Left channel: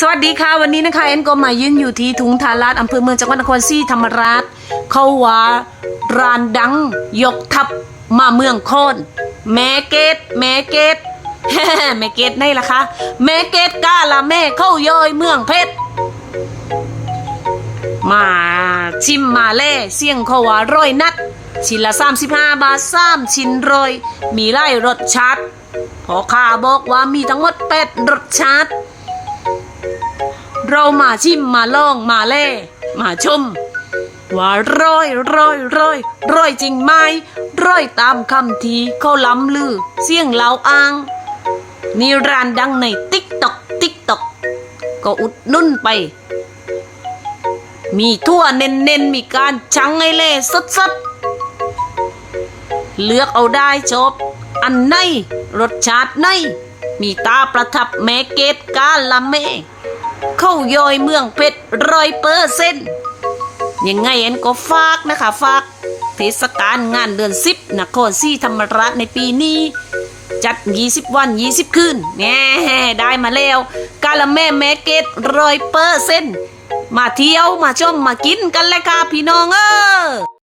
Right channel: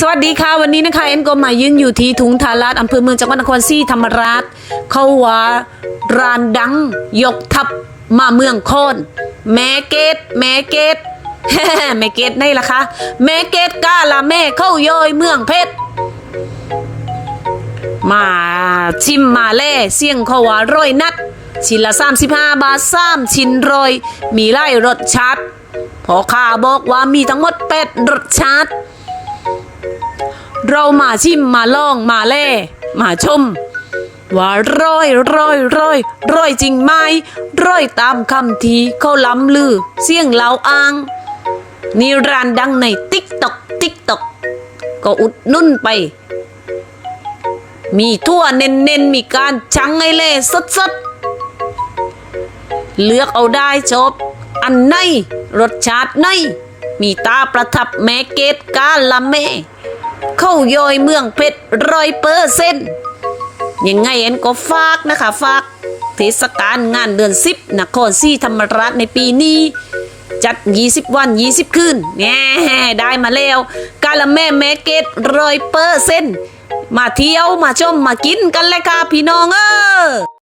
สวัสดีค่ะ วันนี้นะคะเอ็นก็มายืนอยู่ที่ทุงทาราชอำเภอเมืองจังหวัดนครศรีธรรมราช เขาว่าร้านดัง ยกทัพมาเมืองโคนแม่เกตแม่เกตแม่เกตนี่ล่ะคะแม่เกตกาละแม่เข้าย่อยเมืองเพชรมาชิมมาเล่เสี่ยงเขาว่าร้อยนัดชิ้นละ 35 บาทสามชิ้นร้อยมีไล่รสชาติพอข้าบอกว่ามีทั้งหมดแปดรสชาติ เรามาชิมมาลองมาเล่มาชม ว่าร้อยร้อยร้อยร้อยจริงไหมร้อยตามคำทีเขาล้ำลือ เสียงเล่าอ้างนี่ร้านดังในติ๊กตอกติ๊กตอกก็อุดหนุ่นไป มีทั่วเน้นๆมีการชังให้เล่สดๆเลือกเอาได้จบ อันไหนรสชาติไหนมีตาประทับแม่เกตกาละเม เข้าย่อยเมืองเพชรร้อยเปอร์เซ็นต์ยังไงเอ็นก็ฝากนะคะฝากเทศกาลงานเดือนสิบนครศรีธรรมราชในปีนี้จัด 20 วัน 20 คืนแง่ได้มาแล้ว กาละแม่แม่เกตร้อยเปอร์เซ็นต์มาเที่ยวมาชมมากินกันเลยค่ะพี่น้องเออ